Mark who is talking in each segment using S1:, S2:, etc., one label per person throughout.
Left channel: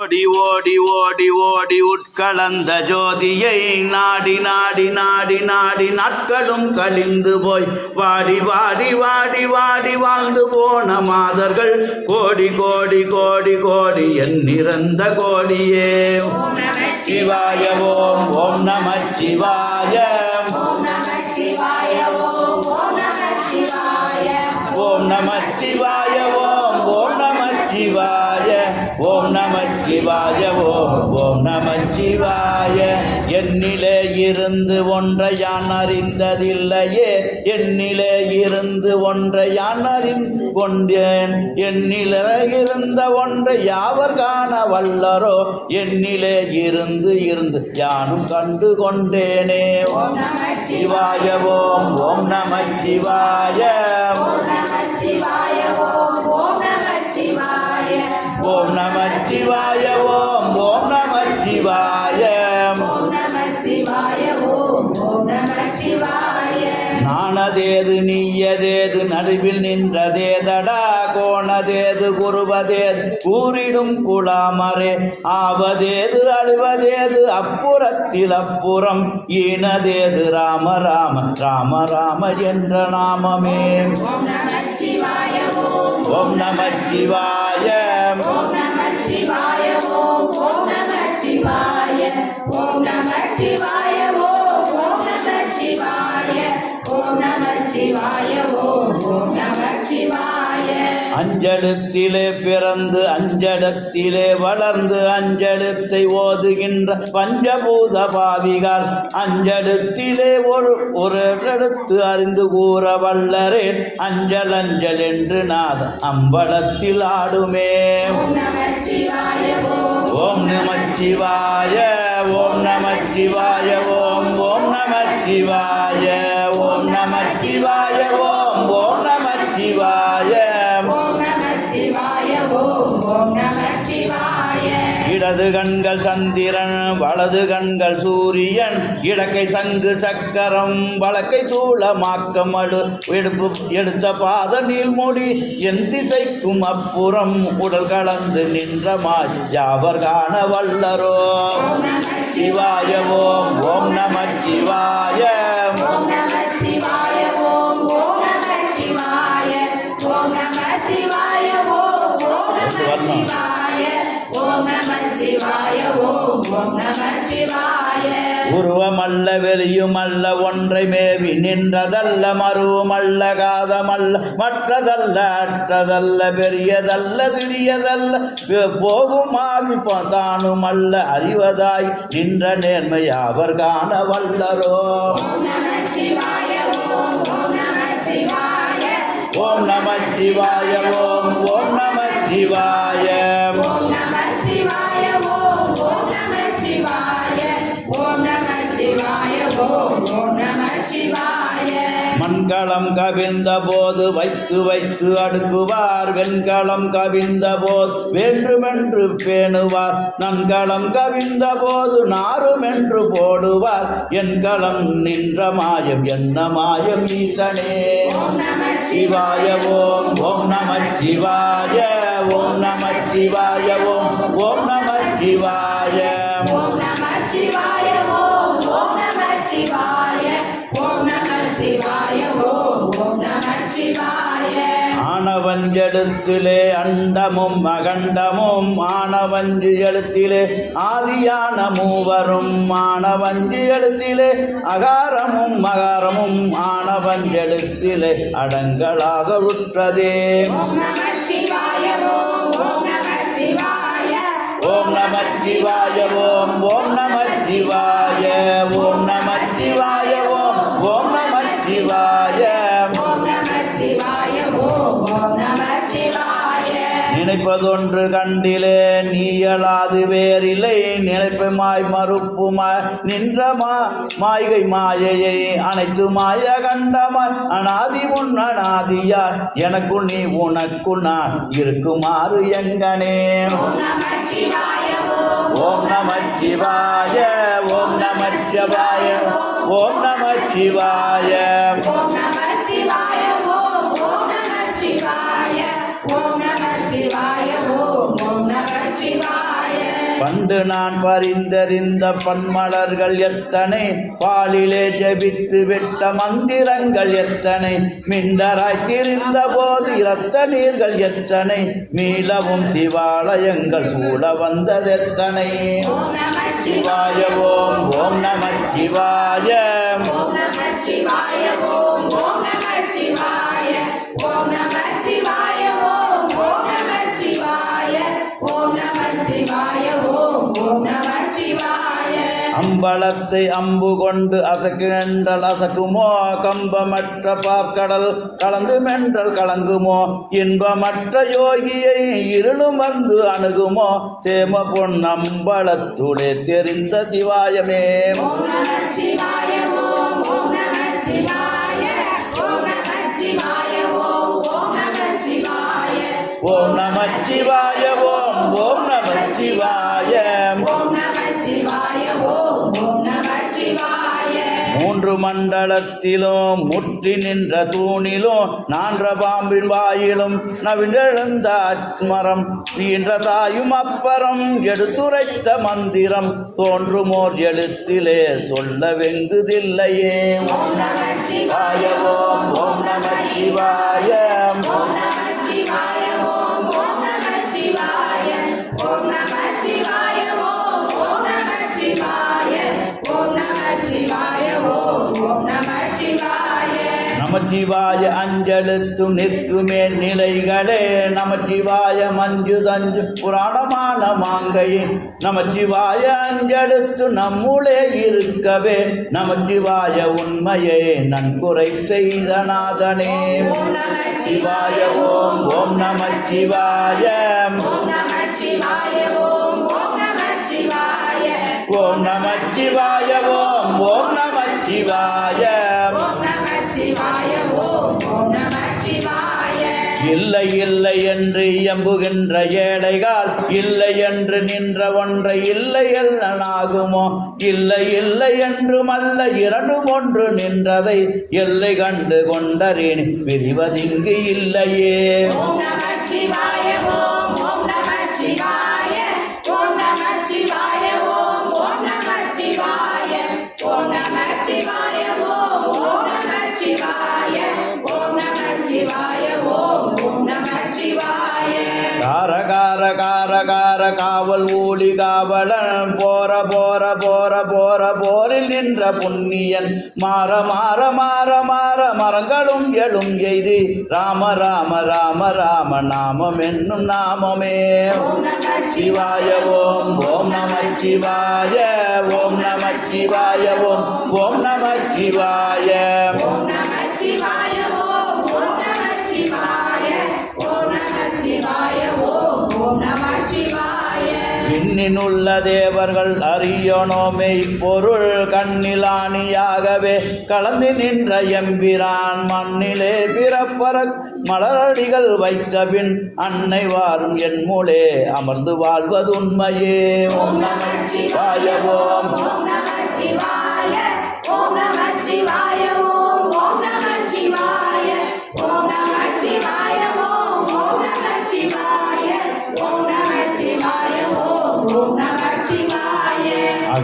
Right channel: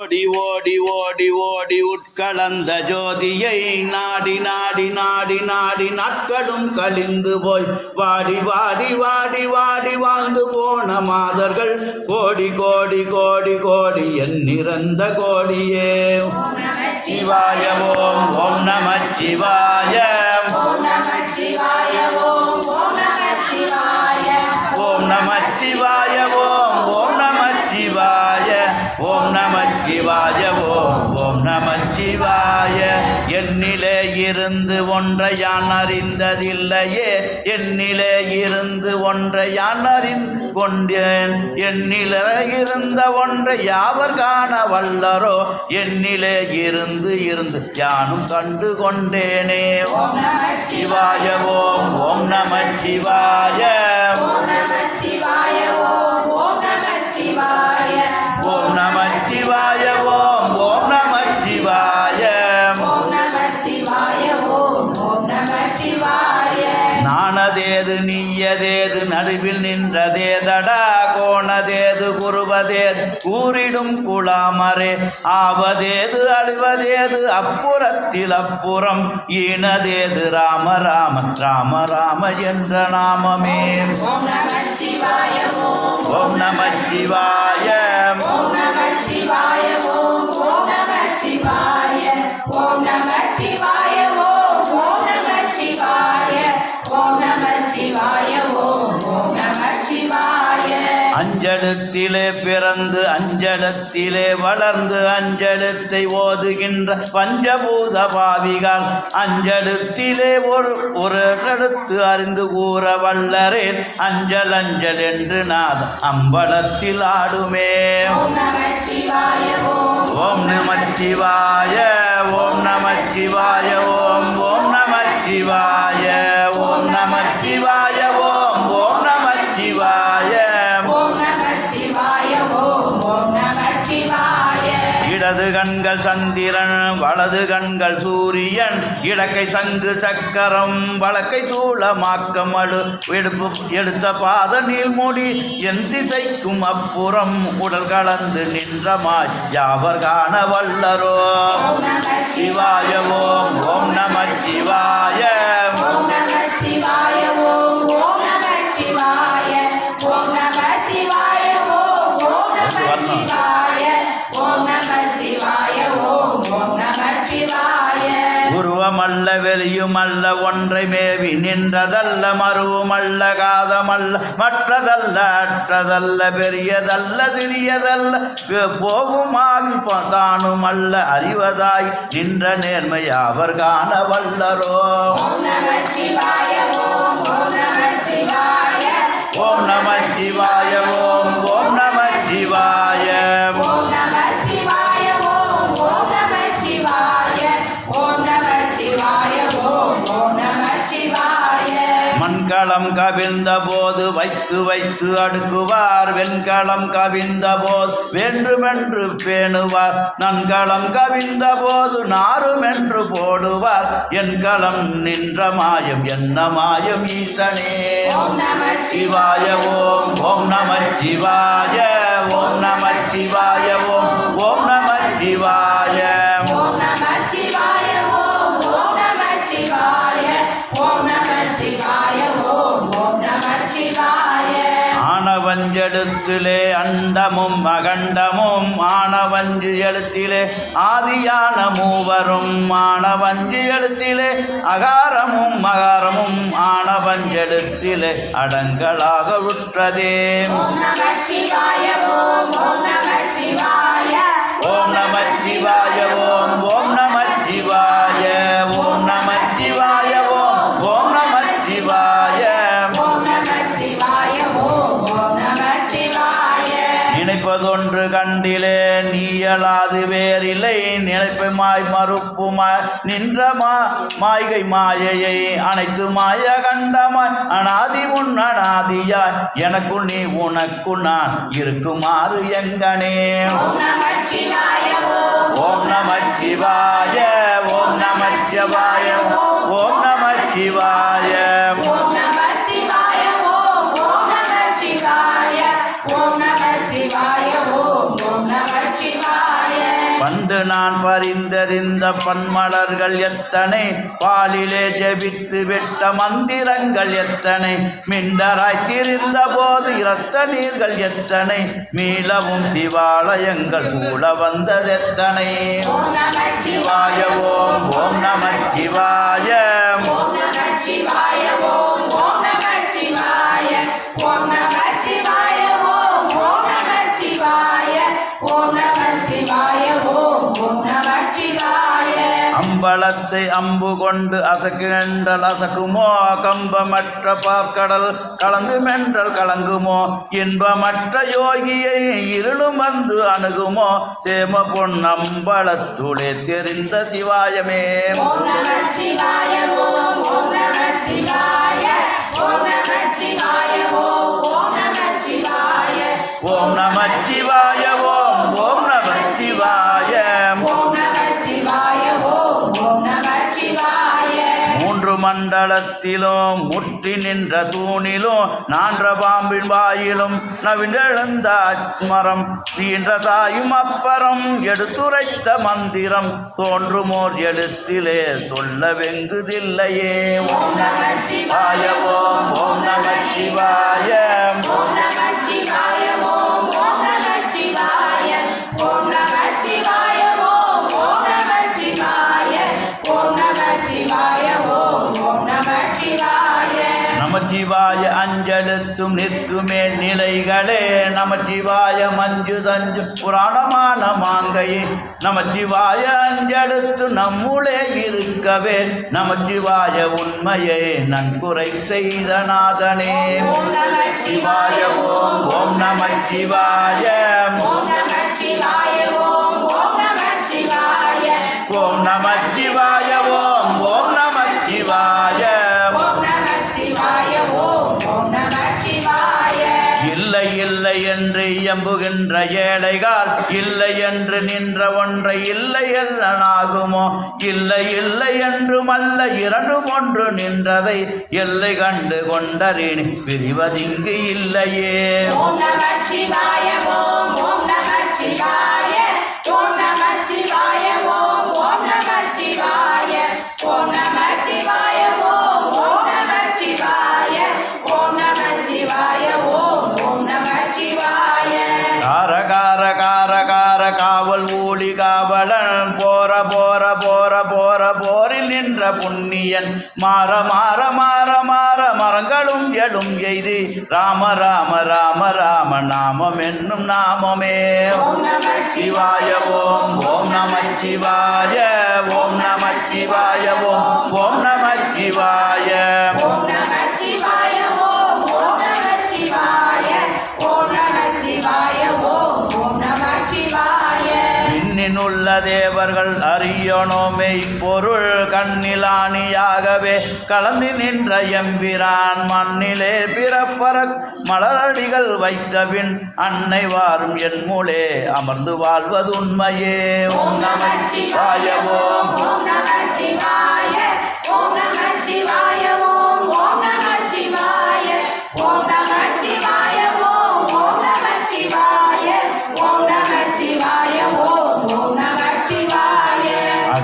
S1: ஓடி ஓடி ஓடி ஓடி உட்கலந்த ஜோதியை நாடி நாடி நாடி நாடி நாட்களும் கழிந்து போய் வாடி வாடி வாடி வாடி வாழ்ந்து போன மாதர்கள் கோடி கோடி கோடி கோடி எண்ணிறந்த கோடியே. சிவாய ஓம் ஓம் நம சிவாய.
S2: ஓம் நம சிவாய. சிவாய
S1: ஓம் ஓம் நம சிவாய. என்னிலே இருந்து ஒன்றை யான் அறிந்ததில்லையே. என்னிலே இருந்து ஒன்றை யான் அறிந்து கொண்டேன் என்னிலே இருந்த ஒன்றை யாவர் காண வல்லரோ? என்னிலே இருந்து இருந்து யானும் கண்டு கொண்டேனே. சிவாய ஓம் ஓம் நம சிவாய
S2: ஓம் நம சிவாய. சிவாய
S1: ஓம் ஓம் நம சிவாய. நாணதேது நீயதேது நடுவில் நின்றதேதடா கோணதேது குருவதேது கூறிடும் குளாமரே ஆவதேது அழிவதேது அப்புறத்தில் அப்புறம் ஈனதேது ராம ராம ராம ராம என்ற நாமமே.
S2: ஓம் நம சிவாய. ஓம்
S1: சிவாய அஞ்செழுத்திலே பிறந்து அஞ்செழுத்திலே வளர்ந்து அஞ்செழுத்தை ஓதுகின்ற பஞ்சபூத பாவிகள். அஞ்செழுத்திலே ஒரு ஒரு எழுத்து அறிந்து கூற வல்லரேன். அஞ்சல் அஞ்சல் என்று நாத அம்பலத்தில் ஆடுமே.
S2: ஓம் நம சிவாய ஓம்
S1: ஓம் நம சிவாய ஓம் நம சிவாய ஓம் ஓம் நம சிவாய ஓம் நம சிவாய இடது கண்கள் சந்திரன் வலது கண்கள் சூரியன் இடக்கை சங்கு சக்கரம் வழக்கை சூளமாக்கம் அடு எடுப்பு எடுத்த பாத நீள்மொழி என் திசைக்கும் அப்புறம் உடல் கலந்து நின்ற மாய் யாவர் காண வல்லரோ சிவாய ஓம் ஓம் நம சிவாய
S2: ஓம்
S1: வரணும். உருவமல்ல வெளியுமல்ல ஒன்றை மேவி நின்றதல்ல மருவமல்ல காதமல்ல மற்றதல்ல அற்றதல்ல பெரியதல்ல சிறியதல்ல பே- போகும் ஆவி தானும் அல்ல அறிவதாய் நின்ற நேர்மை அவர் காண வல்லரோ.
S2: ஓம் நம சிவாய ஓம் ஓம் நம சிவாய.
S1: ஓம் மண்களம் கவிழ்ந்த போது வைத்து வைத்து அடுக்குவார். வெண்களம் கவிழ்ந்த போது வேண்டுமென்று பேணுவார். நன்களம் கவிழ்ந்த போது நாருமென்று போடுவார். என் களம் நின்ற மாயம் என்ன மாயம் ஈசனே. சிவாய ஓம் ஓம் நம சிவாய. ஓம் நம சிவாய ஓம் ஓம் நம சிவாய. ஆனவஞ்செழுத்திலே அண்டமும் அகண்டமும் ஆனவஞ்சு எழுத்திலே ஆதியான மூவரும் ஆனவஞ்சு எழுத்திலே அகாரமும் மகாரமும் ஆனவஞ்செழுத்திலே அடங்கலாக உற்றதே.
S2: ஓம் நம சிவாய ஓம் ஓம் நம சிவாய
S1: ஓம் நம சிவாய ஓம் ஓம் நம சிவாய. நினைப்பதொன்று கண்டிலே நீயலாது வேறில்லை. நினைப்புமாய் மறுப்புமாய் நின்றமா? மாய்கை மாயையை அனைத்து மாய கண்டமாய். அனாதி உன் அனாதியாய் எனக்குள் நீ உனக்கு நான் இருக்குமாறு எங்கனே.
S2: ஓம் நம சிவாய ஓம்
S1: நம சிவாய ஓம் நம சிவாய. பண்டு நான் பரிந்தறிந்த பன்மலர்கள் எத்தனை? பாலிலே ஜெபித்து விட்ட மந்திரங்கள் எத்தனை? மிண்டராய் திரிந்த போது இரத்த நீர்கள் எத்தனை? மீளவும் சிவாலயங்கள் சூழ வந்ததெத்தனை சிவாய ஓம் ஓம் நம சிவாய. அம்பலத்தை அம்பு கொண்டு அசக்கினென்றல் அசக்குமோ? கம்பமற்ற பார்க்கடல் கலந்து மென்றல் கலங்குமோ? இன்பமற்ற யோகியை இருளும் வந்து அணுகுமோ? சேம பொன் அம்பலத்துளே தெரிந்த சிவாயமே.
S2: ஓம் நம சிவாய ஓம் ஓம் நம சிவாய. ஓம்
S1: மூன்று மண்டலத்திலோ முற்றி நின்ற தூணிலோ நான்ற பாம்பின் வாயிலும் நவிழெழுந்த அச்மரம் நீன்ற தாயும் அப்பறம் எடுத்துரைத்த மந்திரம் தோன்றுமோர் எழுத்திலே சொல்ல வெங்குதில்லையே ஓம் நமச்சிவாய அஞ்செழுத்தும் நிற்குமே நிலைகளே. நமச்சிவாய மஞ்சு தஞ்சு புராணமான மாங்கையே. நமச்சிவாய அஞ்செழுத்து நம்முளே இருக்கவே. நமச்சிவாய உண்மையே நன்குறை செய்த நாதனே சிவாய ஓம் ஓம் நம சிவாய
S2: ஓம் நம சிவாய ஓம் ஓம் நம சிவாய
S1: ஓம் இல்லை இல்லை என்று எம்புகின்ற ஏழைகால் இல்லை என்று நின்ற ஒன்றை இல்லை எல்லனாகுமோ இல்லை இல்லை என்றும் அல்ல இரண்டும் ஒன்று நின்றதை எல்லை கண்டு கொண்டறின். பிரிவதிங்கு இல்லையே. கார கார கார கார காவல் ஊழி காவலன் போற போற போற போற போரில் நின்ற புண்ணியன் மாற மாற மாற மாற மரங்களும் எழும் எய்து ராம ராம ராம ராம நாமம் என்னும் நாமமே சிவாய ஓம் ஓம் நம சிவாய ஓம் நம சிவாய ஓம் ஓம் நம சிவாய
S2: ஓம் நம சிவாய
S1: இன்னினுள்ள தேவர்கள் அறியணுமே. இப்பொருள் கண்ணிலானியாகவே கலந்து நின்ற எம்பிரான் மண்ணிலே பிறப்பற மலரடிகள் வைத்தபின் அன்னை வாரும் என் மூலே அமர்ந்து வாழ்வது உண்மையே ஓம்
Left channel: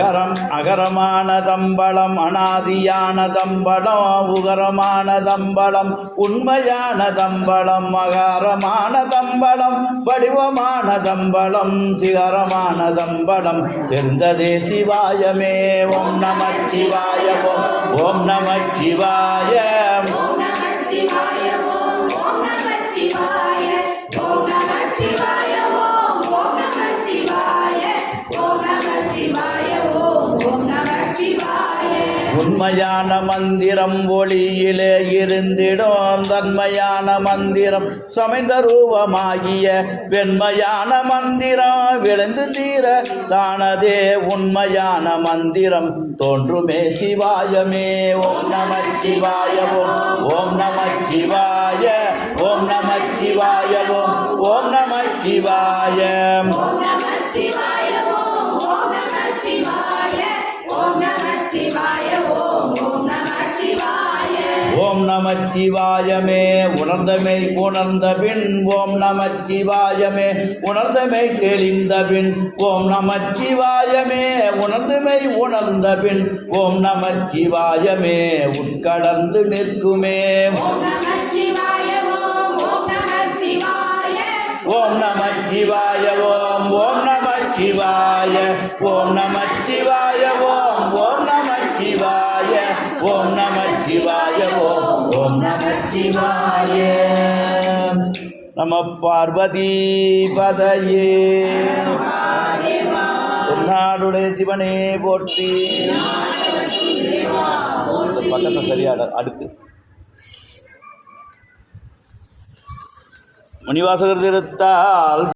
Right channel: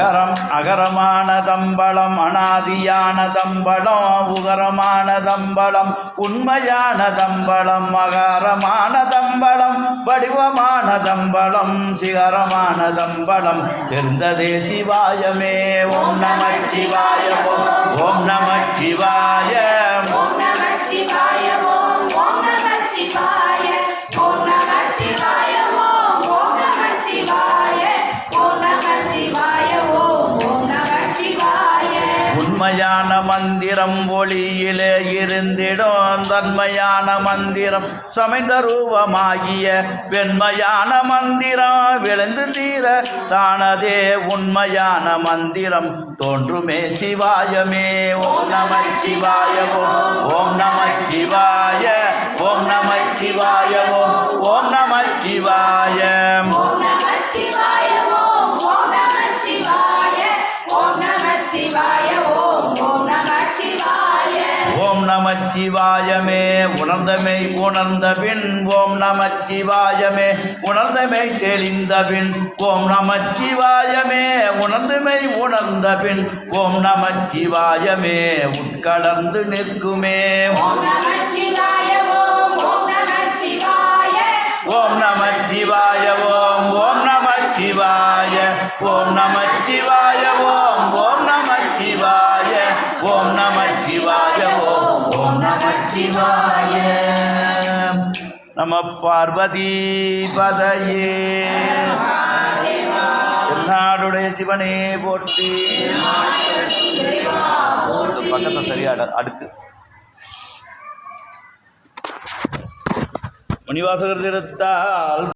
S1: அகரம் அகரமான தம்பளம் அனாதியான தம்பளம் உகரமான தம்பளம் உண்மையான தம்பளம் அகாரமான தம்பளம் வடிவமான தம்பளம் சிகரமான தம்பளம் தெரிந்ததே சிவாயமே ஓம் நம சிவாய ஓம் ஓம்
S2: ஓம் நம சிவாய
S1: தன்மையான மந்திரம் ஒளியிலே இருந்திடும். தன்மையான மந்திரம் சமைந்த ரூபமாகிய வெண்மையான மந்திரம் விழுந்து தீர தானதே உண்மையான மந்திரம். தோன்றுமே சிவாயமே. ஓம் நம சிவாய. ஓம் ஓம் நம சிவாய. ஓம் நம சிவாய ஓம் ஓம் நம சிவாய.
S2: ஓம் நம சிவாய. ஓம் நம சிவாய ஓம் ஓம் நம சிவாய
S1: ஓம் நமச்சிவாயமே. உணர்ந்தமை உணர்ந்த பின் ஓம் நமச்சிவாயமே. உணர்ந்தமை தெளிந்த பின் ஓம் நமச்சிவாயமே. உணர்ந்தமை உணர்ந்த பின் ஓம் நமச்சிவாயமே. உட்கலந்து நிற்குமே.
S2: ஓம் நம சிவாய ஓம் ஓம் நம சிவாய
S1: ஓம் நமச்சிவாய ஓம் ஓம் நமச்சிவாய. ஓம் நமச்சிவாய ஓம் ஓம் நமச்சிவாய ஓம் நமச்சிவாய ஓம் நம பார்வதி பதையே. நாடுடைய சிவனே போற்றி. பக்கத்தை சரியா அடுக்கு. மணிவாசகர் திருத்தால்